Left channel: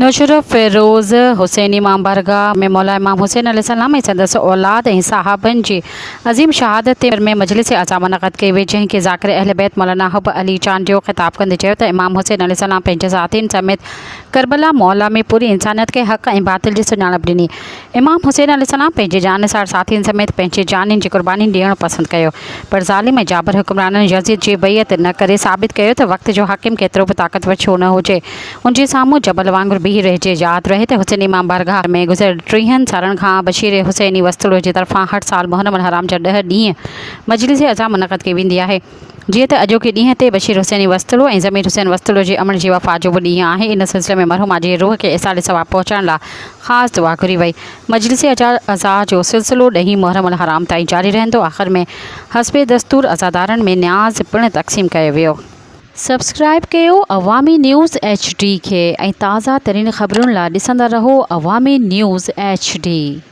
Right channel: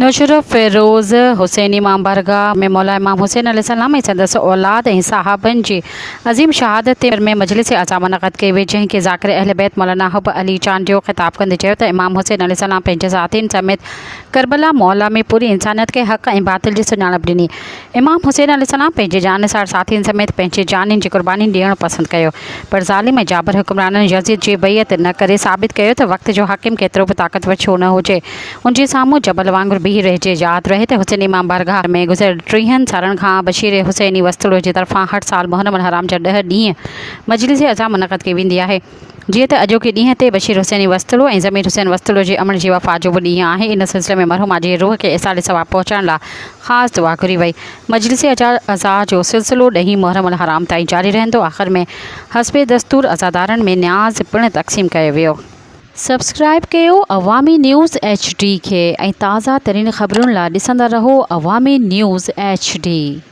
नौशर फ़िरोज़ हुसैन इमाम बारगाह में मौला इमाम हुसैन अलैहिस्सलाम ऐं संदसि औलाद ऐं सहाबनि जी अज़ीम शहादत में मजलिस आज़ा मुनक़द कई वई, जंहिं खे ज़ाकिर अहल बैत मौलाना हुब अली चांडियो ख़िताब कंदे चयो त इमाम हुसैन अलैहिस्सलाम पंहिंजे ज़ातियुनि समेत करबला मौला में पूरी इंसानियत खे हक़ ऐं बातिल जी सुञाणप ॾिनी। इमाम हुसैन अलैहिस्सलाम पंहिंजे जानिसार साथियुनि समेत पंहिंजे जानियुनि जी क़ुर्बानी ॾियणु पसंदि कयो, पर ज़ालिम ऐं जाबर हुक्मराननि यज़ीद जी बैयत न करे साबित कयो त वक़्त जो हाकिम केतिरो बि ताक़तवर छो न हुजे, उनजे साम्हूं जबल वांगुरु बीही रहिजे। यादि रहे त हुसैन इमाम बारगाह में गुज़िरियल 30 सालनि खां बशीर हुसैनी वस्तुलो जे तरफ़ां हर साल मुहर्रम अल हराम जा 10 ॾींहं मजलिस अज़ा मुनक़द कई वेंदी आहे। जीअं त अॼोके ॾींहं ते बशीर हुसैनी वस्तुलो ऐं ज़मीर हुसैन वस्तुलो जे अमल जी वफ़ा जो बि ॾींहुं आहे। इन सिलसिले में मरहूमा जी रूह खे इसाले सवाब पहुचाइण लाइ ख़ासि दुआ घुरी वई। मजलिस अज़ा जो सिलसिलो 10 मुहर्रम अल हराम ताईं जारी रहंदो। आख़िर में हस्बे दस्तूर अज़ादारनि में न्याज़ पिणु तक़सीम कयो वियो। सब्सक्राइब कयो अवामी न्यूज़ HD खे ऐं ताज़ा तरीन ख़बरुनि लाइ ॾिसंदा रहो अवामी न्यूज़ HD।